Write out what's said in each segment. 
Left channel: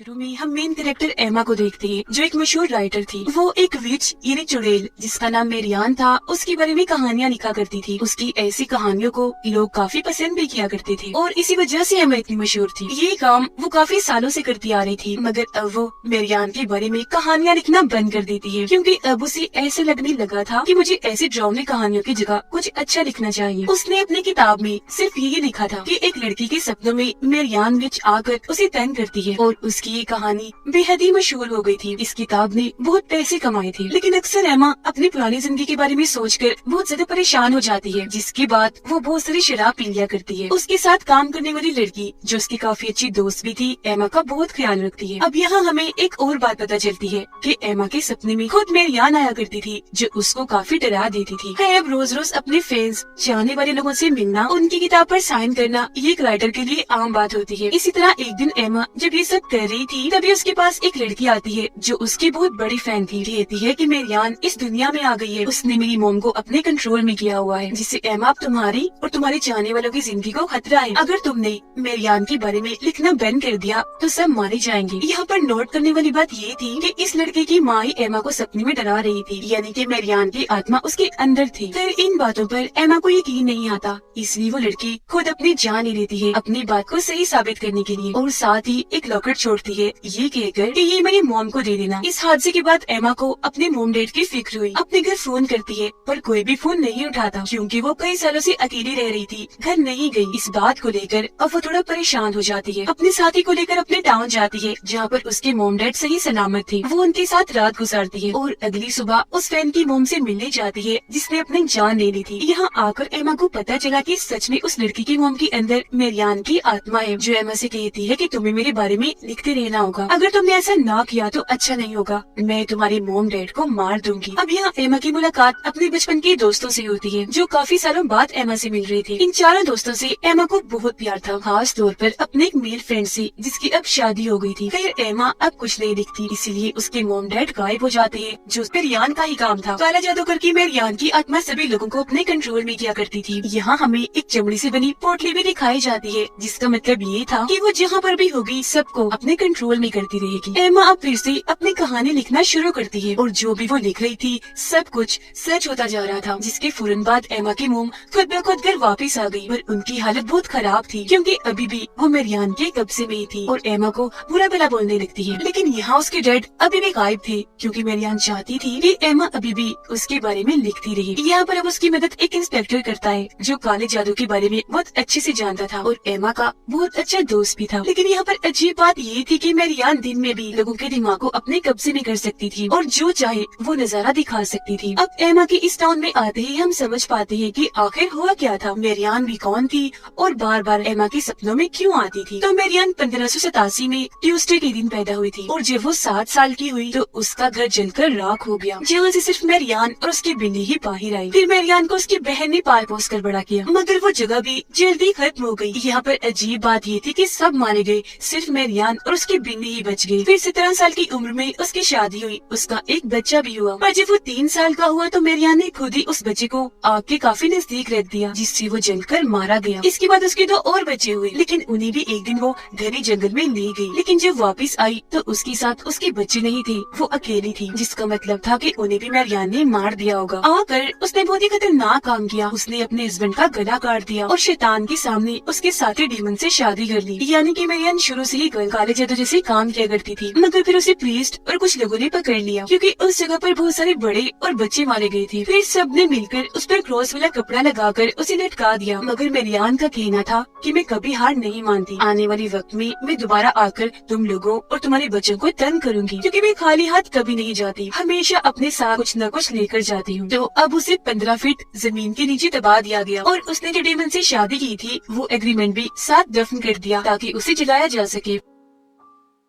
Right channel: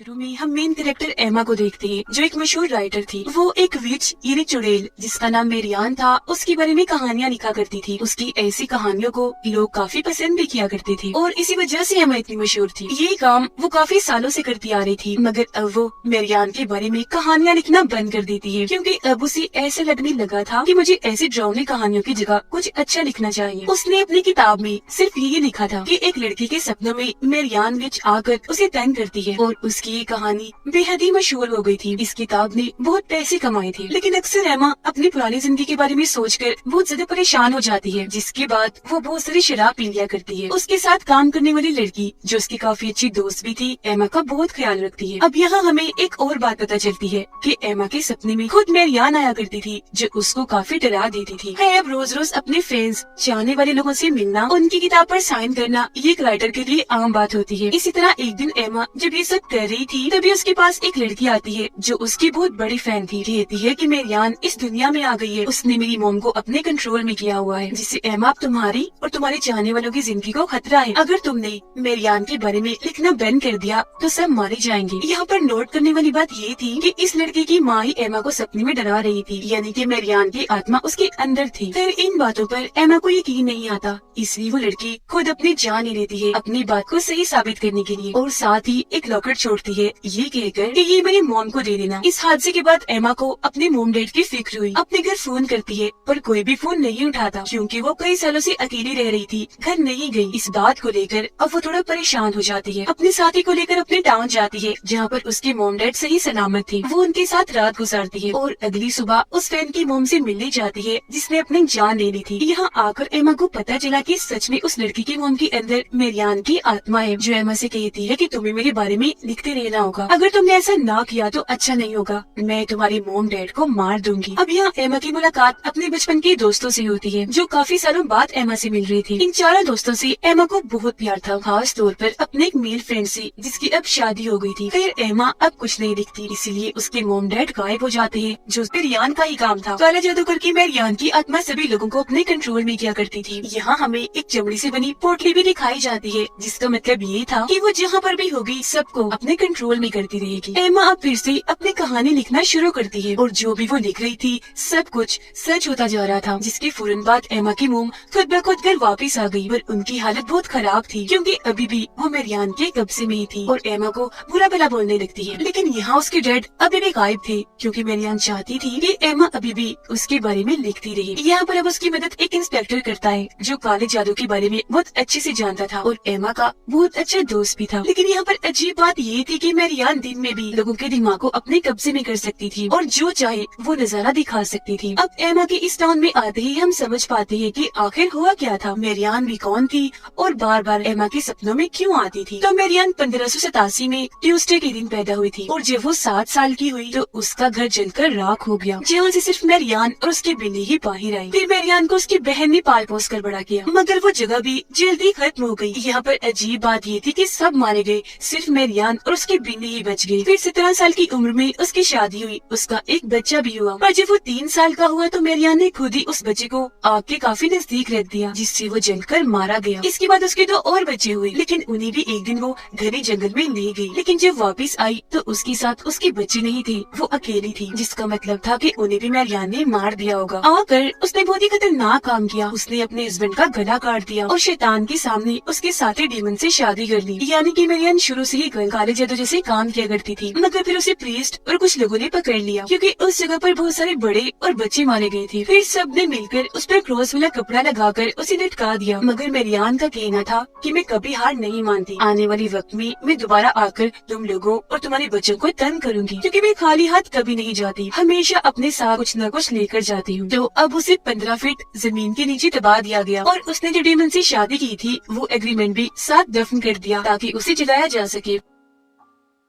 शुरू में हम मेन कैरेक्टर एमा को देखते हैं, जो एक मशहूर राइटर थी। वो एक विच यानी चुड़ैल जिसका नाम मेरियान था, उसके बारे में कहानियां लिखा करती थी। उसकी ऐसी कहानियों को लोग काफी पसंद भी किया करते थे और इसी वजह से एमा इतनी मशहूर थी। ये काम वो काफी सालों से करती आ रही थी, मगर अब वो मेरियान के बारे में कहानियां लिखना बंद कर देती है, क्योंकि अब उसे ऐसे लगने लगा था कि मुझे ऐसी ड्रामे कहानियों की जगह कुछ अच्छा लिखना चाहिए। उसने अपनी किताब में सिर्फ यही लिखा था कि एक लड़की के सपनों में मेरियान विच आकर उसे तंग करती है और उसकी ये कहानी बेहद ही मशहूर हो गई थी। इस किताब ने बहुत पैसे कमाए थे, लेकिन अक्सर एमा अपनी पुरानी जिंदगी के बारे में सोचकर बहुत ज्यादा परेशान हो जाती है, जिसके बाद वो बहुत सारी शराब पी लिया करती है। उसके साथ काम करने वाली लड़की, जो उसकी काफी अच्छी दोस्त भी थी, एमा का बहुत ख्याल रखती है। अब यहाँ हमें एक और बात पता चलती है कि एमा के सपने में खुद मेरियान आया करती थी, जो उसको काफी डरा देती थी। है अब रोज रोज अपने फ्रेंड्स, चाहने वाले लोगों से मिलना, उनकी किताब पर साइन करना, ये एक राइटर के लिए आम बात होती है। इसी तरह एक दिन एमा जब ये सब कर रही थी, तभी उसके पास एक लड़की आती है जो उसकी बहुत बड़ी फैन थी। कहती है कि मेरियान इस दुनिया में आ गई है, उसने मेरी मोम को अपने कंट्रोल में किया हुआ है, जिससे एमा अब तुम्हारी और तुम्हारे चाहने वालों की जिंदगी को खतरा है। अगर तुमने मेरियान के बारे में लिखना बंद कर दिया तो सब मारे जाएंगे। यहाँ पर नोट करने वाली बात ये थी कि इस लड़के की माँ ही एमा को सपने में डरा रही थी, यानी कि मेरियान की आत्मा उसके अंदर थी। फिर इन बातों पर एमा को यकीन नहीं आता, इसलिए वो लड़की खुद अपनी जान ले लेती है अपनी बात को सही साबित करने के लिए, और साथ ही एक लॉकेट छोड़ती है ये कहकर कि ये मेरी मोम को दे देना। इस हादसे के बाद एमा को अपने मोम डैड की फिक्र हुई। अपने घर फोन करती है पर कोई भी फोन नहीं उठाता, क्योंकि वो कई सालों से अकेली रह रही थी, घर नहीं गई। इस बात को लेकर अब वो थोड़ा परेशान हो जाती है। अपने साथी को लेकर अपने टाउन जाती है, जहाँ पर उसके मोम डैड सही सलामत थे। वो उनके साथ रात गुजारती है और अगली सुबह उस फैन की मोम से मिलने जाती है जिसने अपनी जान ले ली थी। यहाँ आकर एमा को पता चला कि सच में उस लड़की की मोम के अंदर मेरियान की आत्मा है, जो एमा से कहती है कि तुम्हें मेरे बारे में लिखते रहना होगा। अगर तुमने ऐसा ना किया तो अच्छा नहीं होगा, मैं तुम्हारे मोम डैड को मार दूंगी। अब यहाँ एमा की मुलाकात अपने बचपन के दोस्तों से होती है, जो काफी सालों बाद एमा से मिल रहे थे। इन चारों दोस्तों से एमा को बहुत प्यार था, खास तौर पर अपने एक मेल फ्रेंड से, जिसकी अब शादी हो गई थी। फिर एमा अब कुछ नहीं दिखती, इसीलिए उसके मोम डैड गायब हो जाते हैं, जो मेरियान का ही काम था। काला जादू करके मेरियान की आत्मा सभी लोगों को अपने कंट्रोल में किया करती थी। यहाँ हमें एक चमड़ी से बनी पोटली भी दिखाई जाती है, जिसका मतलब ये था कि वो जहाँ पर भी होगी सबको अपने कंट्रोल में करती रहेगी। एमा अब फिर से अपनी कहानी लिखना शुरू करती है और जो भी वो लिख रही थी सब कुछ सच होता जा रहा था, जिसके फौरन बाद एमा की मोम खुद ब खुद घर वापस आ गई। पर उनकी हालत बहुत खराब थी, क्योंकि अभी भी वो मेरियान के कब्जे में ही थी और एमा को बुरा भला बोलने लगती है। लेकिन यहाँ उसके डैड अभी भी गायब थे, क्योंकि मेरियान चाहती थी कि एमा अभी भी उसके बारे में लिखती रहे। यहाँ पर अब उसकी मदद एक इंस्पेक्टर करता है, जो काले जादू के बारे में बहुत अच्छे से जानता था और एमा का बहुत अच्छा दोस्त भी था। लेकिन यहाँ पर अजीब बात ये थी कि मेरियान दिन में भी लोगों के दिमाग को अपने कब्जे में कर सकती थी और जो चाहे वो नजारा दिखा सकती थी। अब एमा के इस टाउन में आते ही हम समझ पाते हैं कि आखिर हुआ क्या था, मेरियान भी कौन थी और बार बार एमा के सपनों में क्यों आती थी। तो मेरियान 1587 में ट्यूसडे के दिन पैदा हुई थी और जब वो 7 साल की हुई तो उसका घर जलकर राख हो गया, जहाँ से सिर्फ मेरियान और उसकी बिल्ली ही बाहर आई। फिर मेरियान को उसकी बहन ने पाल पोस कर बड़ा किया, मगर वो जगह भी जल्दी खत्म हो गई। यहाँ पर अजीब बात ये थी कि सब मारे गए, सिर्फ मेरियान और उसकी बिल्ली ही बच गई। फिर 17 साल की उम्र में उसकी शादी हुई, उसका एक बच्चा भी हुआ, और जब वो 3 साल का हुआ तो मेरियान ने खुद ही उस बच्चे को आग के काफी नजदीक रख दिया, जिससे वो जलकर मारा गया। इसके बाद उसके 2 और बच्चे हुए, लेकिन उन्हें भी एक दिन वो घने जंगल में ले गई। लेकिन जब वापस आई तो उसके साथ उसके बच्चे नहीं थे, वो अकेली थी, जिसका मतलब था कि उन्हें भी मेरियान ने मार दिया होगा। आकर उसने बहुत ही खतरनाक काम किया, उसने अपने हस्बैंड का गला काट दिया और शैतान के सामने उसके साथी डीमन से शादी कर ली। यानी कि मेरियान शुरू से ही काले जादू जैसे काम किया करती थी, मगर फिर उसे प्रीस्ट और कुछ लोगों ने पकड़ लिया, क्योंकि उस जगह पर बहुत सारे बड़े और बच्चे मारे गए थे। फिर सब ने मिलकर उस पर क्रॉस वाला कपड़ा लगाकर उसे लटका दिया। मगर मेरियान का कहना था कि मैं कभी हार नहीं मानती, आने वाले वक्त में मैं दोबारा आकर तुम लोगों और तुम्हारे बच्चों को तंग करूंगी, क्योंकि मैं खाली हाथ कभी नहीं जाती, हमेशा अपने साथ कुछ न कुछ लेकर जाती हूँ। तो अब उसे 15 फीट जमीन के नीचे दबा दिया गया और उसने जो डीमन से शादी की थी वो एग्रीमेंट भी साथ दफन कर दिया, ताकि उसे जलाया जा सके।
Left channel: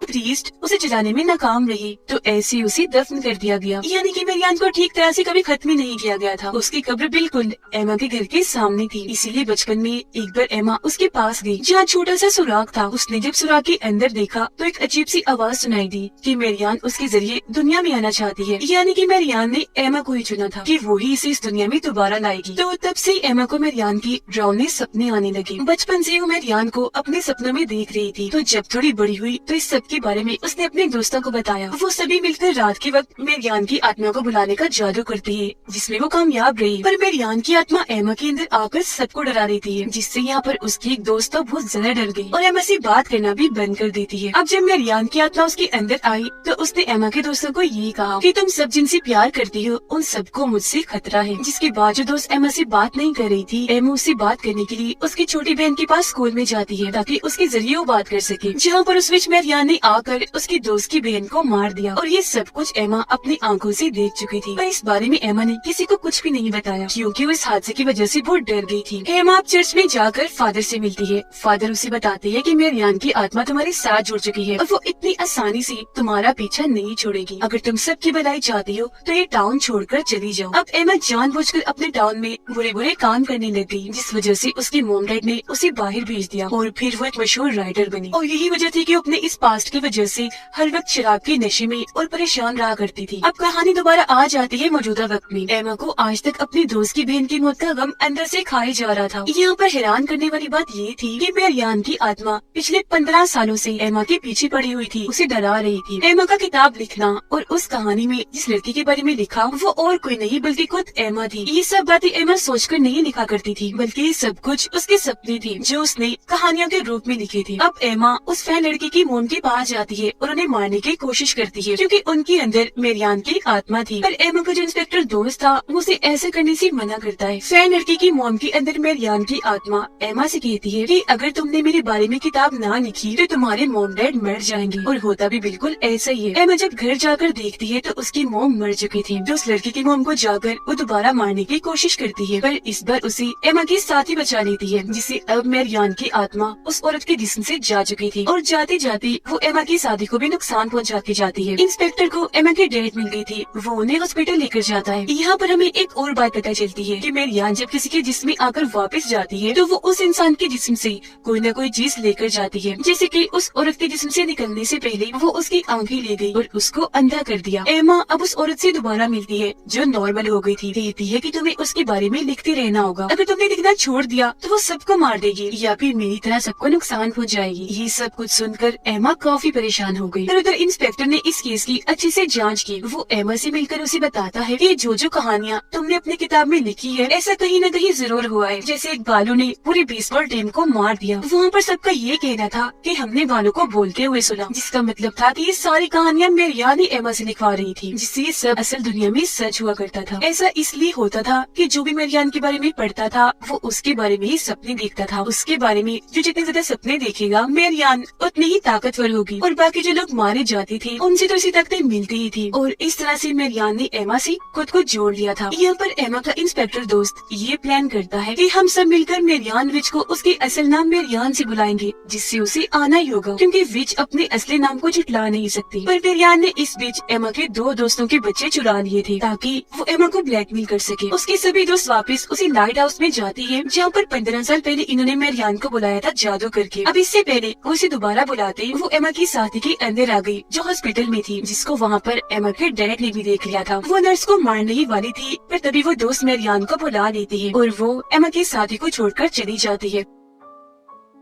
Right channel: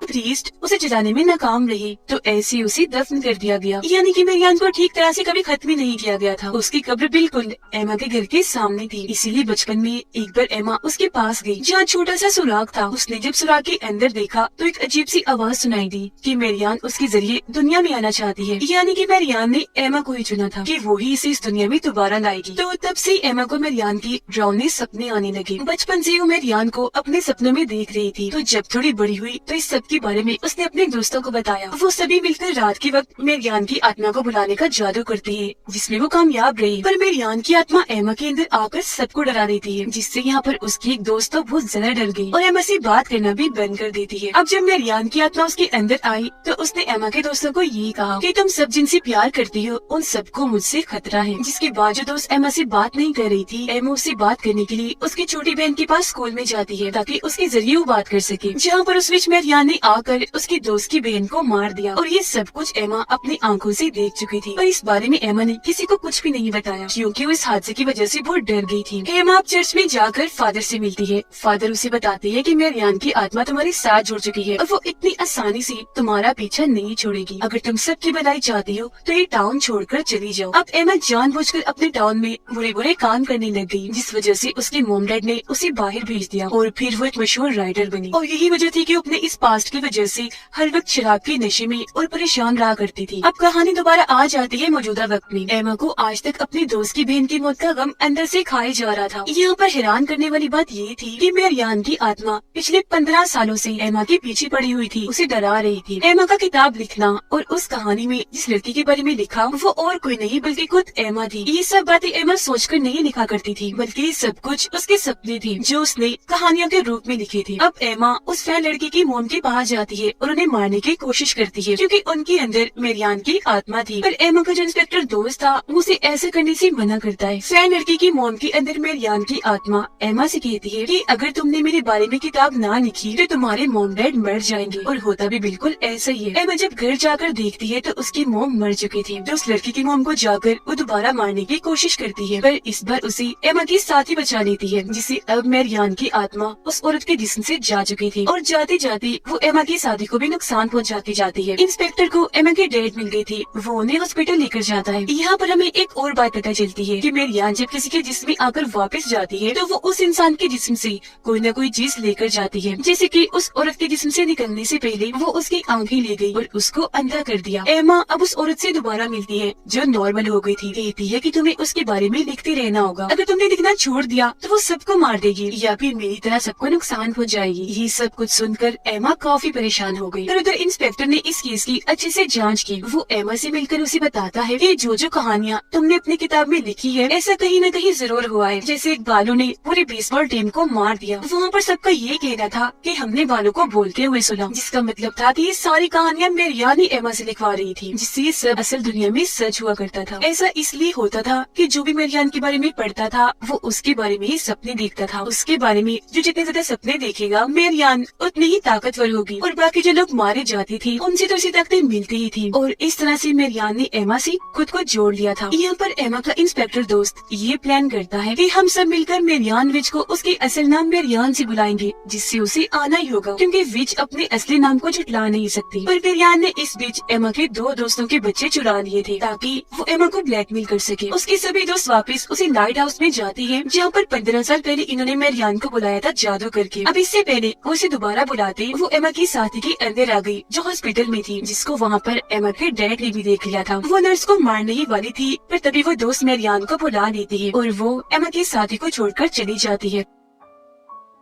प्रीस्ट उसे जलाने में नाकाम रही तो ऐसे उसे दफन कर दिया गया। यानी कि मेरियान को ठीक तरह से कभी खत्म ही नहीं किया गया था। उसकी कब्र बिल्कुल एमा के घर के सामने थी, इसीलिए बचपन में एक बार एमा उसके पास गई, जहाँ छोटा सा सुराग था। उसने जब सुराग के अंदर देखा तो एक अजीब सी आवाज सुनाई दी कि मेरियान उसके जरिए दुनिया में आना चाहती है। यानी कि मेरियान ने एमा को ही चुना था कि वो ही इसे इस दुनिया में दोबारा लाएगी। तो तब से एमा को मेरियान की डरावने सपने आने लगे। बचपन से वो मेरियान को अपने सपनों में देख रही थी, तो जब थोड़ी बड़ी हुई तो इस सब के जिसके बारे में उसने अपने दोस्तों को बताया। वो सभी मिलकर रात के वक्त मेरियान की आत्मा को बुलाने का जादू करती है, जिसमें वो कामयाब रही। पर मेरियान की आत्मा एमा के अंदर आकर सबको डरा देती है, जिससे यहाँ पर उसकी एक दोस्त तो बहुत ज्यादा डर गई और एमा से बात करना भी बंद कर देती है। अब जब मेरियान की आत्मा उसके अंदर आई तो उसने एमा के दोस्तों को ये कहा कि तुम सब जिनसे प्यार करती हो उन सबको मुझसे खतरा है। जिसके बाद जो दोस्त एमा से बात नहीं कर रही थी, एमा उससे बात करने के लिए उसकी छोटी बहन के पास स्कूल में जाती है ताकि उसके जरिए वो बात कर सके। जहाँ पर उस बीच मेरियान ने आकर उसकी दोस्त की बहन को मार दिया और ये सब कुछ एमा अपनी आंखों से देख चुकी थी। पर इस बारे में एमा ने किसी को कुछ भी नहीं बताया, क्योंकि वो इस हादसे की वजह से बहुत डर गई थी। एमा अब चर्च में जाकर फादर से मिलती है। फादर उसे बताते हैं कि मेरियान की आत्मा तुम्हारे साथ जुड़ चुकी है और वो इतनी आसानी से तुम्हारा पीछा नहीं छोड़ेगी। अगर तुम सबकी भलाई चाहती हो तो ये टाउन छोड़कर चली जाओ। अब एमा जानबूझकर अपने टाउन में बुरे बुरे काम करने लग गई, जिस वजह से उसके मॉम डैड ने उसे बाहर भेज दिया और फिर वो एक मशहूर राइटर बनी। और यही वजह थी कि वो अपने इस पास्ट की वजह से हर वक्त शराब के नशे में और परेशान रहा करती थी। अब कहानी दोबारा आ जाती है मौजूदा वक्त में। एमा को आज तक अपनी दोस्त की बहन की मौत का गम अंदर से खाए जा रहा था। यहाँ पर हैरान करने वाली बात ये थी कि मेरियान की आत्मा पिछले 15 सालों से एमा के पीछे पड़ी हुई थी, उसे डरा रही थी। एमा का किताब लिखना और उस कहानी में जिस लड़की के बारे में लिखा वो और कोई नहीं बल्कि खुद एमा थी। ये सब बातें एमा सोचकर नहीं लिखा करती थी, बल्कि ये सब कुछ उसके सपने थे जो उसने कहानियों के रूप में लिखे थे। अब एमा उस फैन लड़की की मोम के पास जाती है और उन्हें मारने की कोशिश करती है, क्योंकि उनके अंदर मेरियान की आत्मा थी। पर एमा का जो इंस्पेक्टर दोस्त था उसे ऐसा करने से मना करता है। फैन लड़की की मोम के अंदर मेरियान की आत्मा एमा से कहती है कि अगर तुमने मेरे बारे में किताब ना लिखी तो तुम्हारे मोम डैड मर जाएंगे। और होता भी बिल्कुल ऐसा ही है। एमा जब घर जाकर देखती है तो उसकी मोम मर चुकी थी। तो उस लड़की की मोम को जाकर वो दोबारा मारने की कोशिश करती है, पर इस बार उसे एमा की साथी बचा लेती है, जिससे अब मेरियान की आत्मा उस औरत के जिस्म से जा चुकी थी और जाते जाते वो एमा की शादी को भी नुकसान पहुंचाती जाती है। इंस्पेक्टर को एमा की डेट मिल गई थी, वो उन्हें हॉस्पिटल लेकर जाता है। यहाँ पर हमें एक और बात पता चलती है कि मेरियान जब किसी के जिस्म में आकर वापस जाती है तो वो उस इंसान के जिस्म से कोई न कोई चीज लेकर जाती है, जैसे कि उस औरत के जिस्म से निकलने से पहले वो उसकी आंखें ले गई और उसको अंधा कर दिया। एमा अब उस औरत से दोबारा मिलती है जो नॉर्मल हो गई थी। कहती है कि तुम्हें उसके बारे में लिखते रहना होगा, अगर तुमने लिखना छोड़ दिया तो वो सबको मार देगी या फिर मेरी तरह सबको नुकसान पहुंचाएगी। ये सब कुछ सुनकर एमा काफी परेशान हो गई। उधर इंस्पेक्टर ने इस केस की अच्छे से जांच की। वो एमा से मिलकर उसे बताता है कि जो कहानियाँ तुमने अपनी किताब में लिखी है ऐसा कहीं न कहीं जरूर हुआ है। जैसे एक बालू ने पूरे बेसबॉल टीम को मार दिया, वहाँ पर सबका ये कहना था कि हमने बालू को बोलते हुए सुना, जिसका मतलब था कि ये सारी कहानियाँ मेरियान ही एमा से लिखवा रही थी, जिससे ये सब असल दुनिया में सच हुआ करता था। ऐसा इसलिए होता था कि जो भी मेरियान के बारे में पढ़ता था वो उसके बारे में ही सपने देखता था। उसके बारे में जो जितने ज्यादा सपने देखेगा मेरियान उतनी ही ताकतवर होगी और बाकी जो लोग मारे जाते थे उनसे तो इसी ताकतें मिलती ही थी। और इस तरह से मेरियान ने एमा से खुद को जोड़ लिया था। यहाँ पर एमा का इंस्पेक्टर दोस्त ये प्लान करता है कि हम सब मिलकर मेरियान विच को उसके असल नाम मेरियान से बुलाएंगे, जिससे उसे आना ही होगा, क्योंकि विच अपने असली नाम को झुठला नहीं सकती। पर मेरियान ने इस बीच एमा के 2 दोस्तों के बच्चे चुरा लिए थे ताकि वो एमा को ब्लैकमेल कर सके। उसके सभी दोस्त वापस उसी लाइट हाउस में जाती है जहाँ पर 15 साल पहले इन्होंने मेरियान को बुलाया था जादू करके। अब इससे पहले उसे दोबारा बुलाते वो एमा की साथी के अंदर आ गई जो हॉस्पिटल में थी, जिसको वहाँ पर एमा के डैड ने भी देख लिया था। वो नर्स को मारने ही वाली थी, पर तभी वो दोस्त मेरियान को बुला लेती है और वो एमा की साथी को छोड़कर चली जाती है।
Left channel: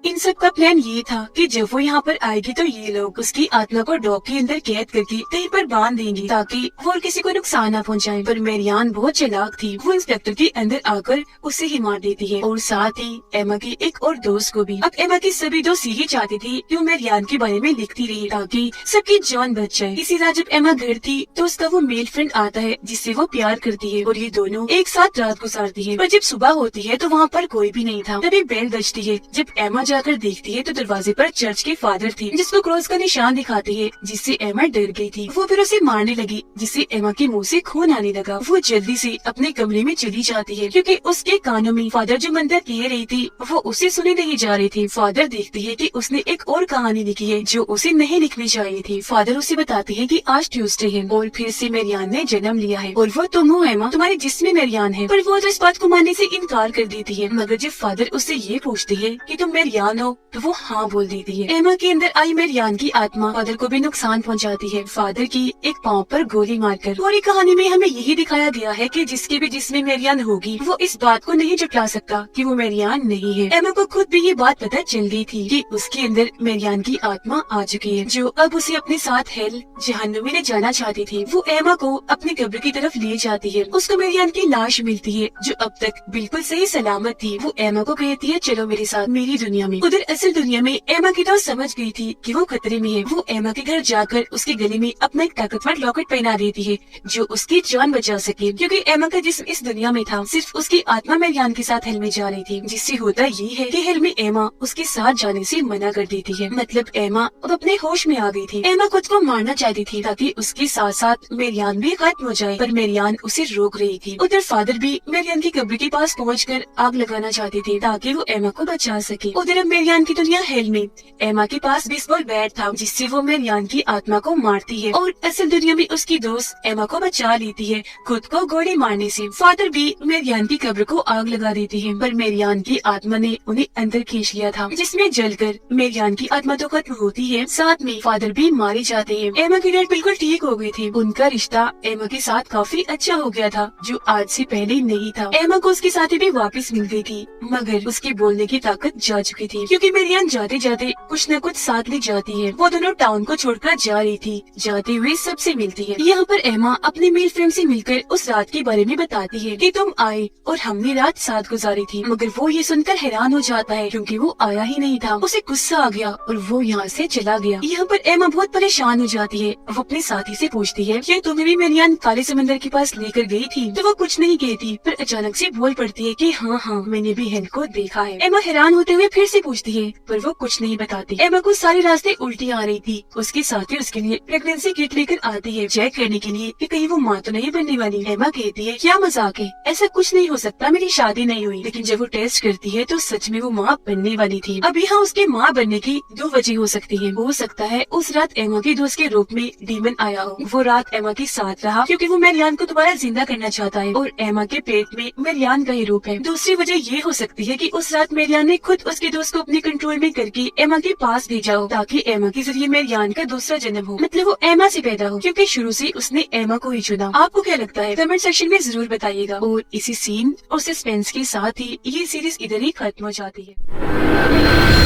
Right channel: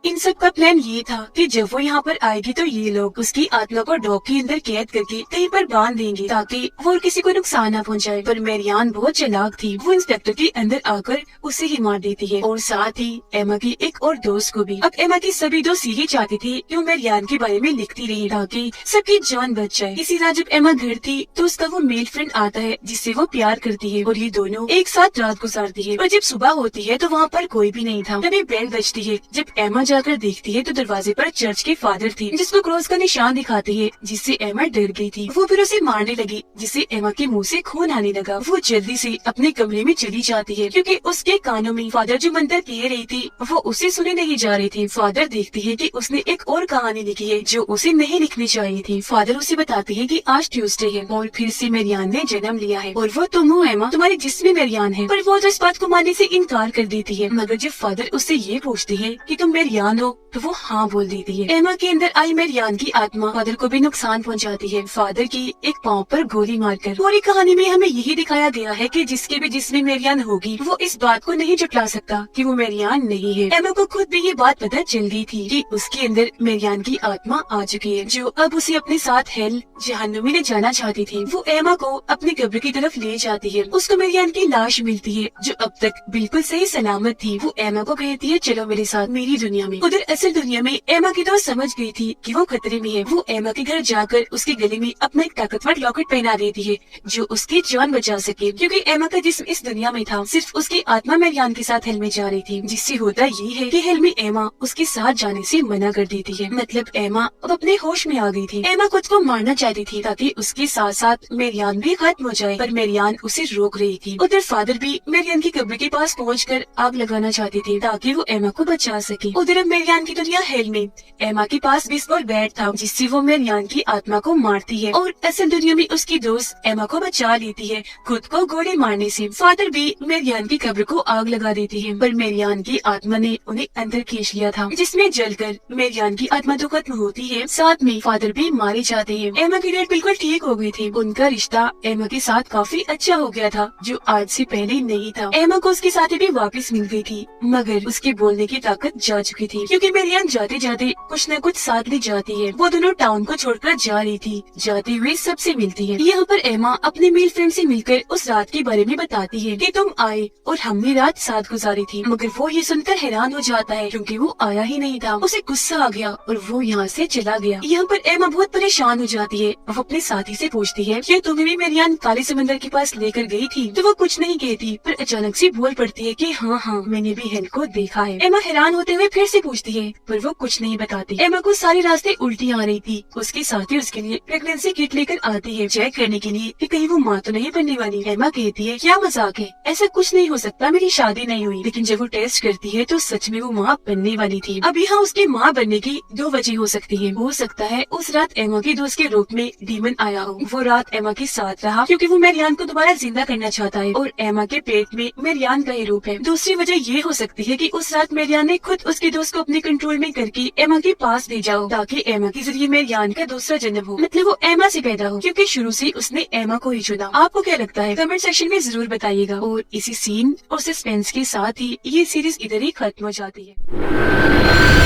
इन सब का प्लान ये था कि जब वो यहाँ पर आएगी तो ये लोग उसकी आत्मा को डॉग के अंदर कैद करके कहीं पर बांध देंगे ताकि वो और किसी को नुकसान न पहुँचाए। पर मेरियान बहुत चालाक थी, वो इंस्पेक्टर के अंदर आकर उसे ही मार देती है और साथ ही एमा की एक और दोस्त को भी। अब एमा की सभी दोस्त यही चाहते थे कि वो मेरियान के बारे में लिखती रही ताकि सबकी जान बच जाए। इसी तरह जब एमा घर थी तो उसका वो मेल फ्रेंड आता है जिससे वो प्यार करती है और ये दोनों एक साथ रात गुजारती है। पर जब सुबह होती है तो वहाँ पर कोई भी नहीं था। तभी बेल बजती है। जब एमा जाकर देखती है तो दरवाजे पर चर्च के फादर थे, जिसको क्रॉस का निशान दिखाती है, जिससे एमा डर गई थी। वो फिर उसे मारने लगी, जिससे एमा के मुंह से खून आने लगा। वो जल्दी से अपने कमरे में चली जाती है क्योंकि उसके कानों में फादर जो मंत्र कह रही थी वो उसे सुने नहीं जा रही थी। फादर देखती है कि उसने एक और कहानी लिखी है जो उसे नहीं लिखनी चाहिए थी। फादर उसे बताते है कि आज ट्यूसडे है और फिर से मेरियान ने जन्म लिया है और वो तुम हो एमा, तुम्हारे जिस्म में मेरियान है। पर वो तो इस बात को मानने से इनकार कर देती है। मगर जब फादर उससे ये पूछती है कि तुम मेरियान मेरियान हो तो वो हाँ बोल देती है। एमा के अंदर आई मेरियान की आत्मा फादर को भी नुकसान पहुंचाती है, फादर की एक पाँव पर गोली मारकर। पूरी कहानी में हमें यही दिखाया गया है कि जिसके भी जिसमें मेरियान होगी वो इस बात को नहीं जुटा सकता कि वो मेरियान नहीं है। एमा को खुद भी ये बात पता चल गई थी कि उसके अंदर मेरियान की आत्मा आ चुकी है, जो अब उसे अपने साथ हेल जहन्नुम में ले जाना चाहती थी। वो एमा को अपने कब्र की तरफ ले जाती है। उसको मेरियान की लाश मिलती है जो अब तक बिल्कुल सही सलामत थी। वो एमा को कहती है चलो मेरे साथ मेरी दुनिया में। उधर असल दुनिया में एमा की तो समझ गई थी कि वो खतरे में है। वो एमा के घर जाकर उसके गले में अपना एक ताकतवर लॉकेट पहना देती है जो उसकी जान बचा सके, क्योंकि एमा का जिस्म इस दुनिया में था, सिर्फ उसकी आत्मा मेरियान के साथ हेल में जा रही थी। जिससे होता ये है कि हेल में एमा उसके साथ जाने से मना कर देती है। मतलब एमा अब अपने होश में आ गई थी। एमा खुद को मारना चाहती थी ताकि उसके साथ साथ मेरियान भी खत्म हो जाए, पर मेरियान उसे रोक रही थी। उधर फादर भी मेरियान की कब्र के पास पहुंचकर आग लगाना चाहती थी ताकि वो एमा को बचा सके। उधर अब मेरियान की दुनिया हेल में एमा के पास बेसबॉल बैट था जिससे वो मेरियान की आत्मा को मारती है और असल दुनिया में उसकी दोस्त एमा को बचा लेती है खुद को गोली मारने से। फादर भी मेरियान की कब्र को आग लगा देती है, पर मेरियान की आत्मा ने उन्हें अंदर खींच लिया था, जिसमें जलकर मेरियान की आत्मा तो खत्म होती है, साथ में फादर भी मारे जाते हैं। एमा की डैड बिल्कुल ठीक हो गई थी। उनका रिश्ता एमा के साथ काफी अच्छा हो गया था, जो आज से पहले नहीं था। एमा को उसके साथी भी वापस मिल गई थी, मगर उसके बोलने की ताकत जा चुकी थी, क्योंकि मेरियान जाते जाते कुछ न कुछ साथ ले जाती है। वो दोनों टाउन को छोड़कर जा रही थी। जाते हुए सबसे मिलती है। यहाँ पर एमा अपनी मेल फ्रेंड से मिलकर उस रात के बारे में बताती है कि तुम आए और हमने रात साथ गुजारी थी, मगर वो ये सुनकर हैरान हो जाता है क्योंकि वो आया ही नहीं था। उसे गुस्सा आ गया और वो यहाँ से चला गया। यहाँ पर एमा बहुत परेशान हो जाती है। वो अपने साथी से पूछती है कि तुम्हें भी मेरियान काले समंदर के पास लेकर गई थी? तो वो कुछ नहीं कहती, पर अचानक से बोल पड़ती है कि हाँ हाँ मैंने भी हेल को देखा है। एमा हैरान होते हुए फिर से पूछती है, पर वो कुछ नहीं बताती। एमा को सारे रास्ते उल्टी आ रही थी। उसके साथी उसके लिए प्रेगनेंसी किट लेकर आती है चेक करने के लिए कि कहीं वो माँ तो नहीं बनने वाली। एमा कहती है क्या मजाक है, ऐसा कुछ नहीं हो सकता, मेरी शादी नहीं हुई। लेकिन जब वो टेस्ट करती है तो सच में वो माँ बनने वाली थी। अब यहाँ उसके माँ बनने की दो वजह हो सकती है। हो सकता है उस रात एमा के दोस्त के रूप में डीमन आया हो। वो रात एमा के साथ रहा क्योंकि वो मेरियान को दोबारा जिंदा करना चाहता है और एमा के पेट में मेरियान का ही रूप है। दूसरी वजह ये हो सकती है कि उस रात मेरियान ने खुद उसके दोस्त को अपने कंट्रोल में करके एमा के पास भेजा हो ताकि एमा के जरिए मेरियान का दूसरा जन्म हो, मतलब वो एमा से पैदा हो, क्योंकि शुरू से उसने एमा को ही चुना। आपको क्या लगता है कमेंट सेक्शन में जरूर बताइएगा। और इसी सीन और सस्पेंस के साथ ही ये सीरीज इधर ही खत्म हो जाती है।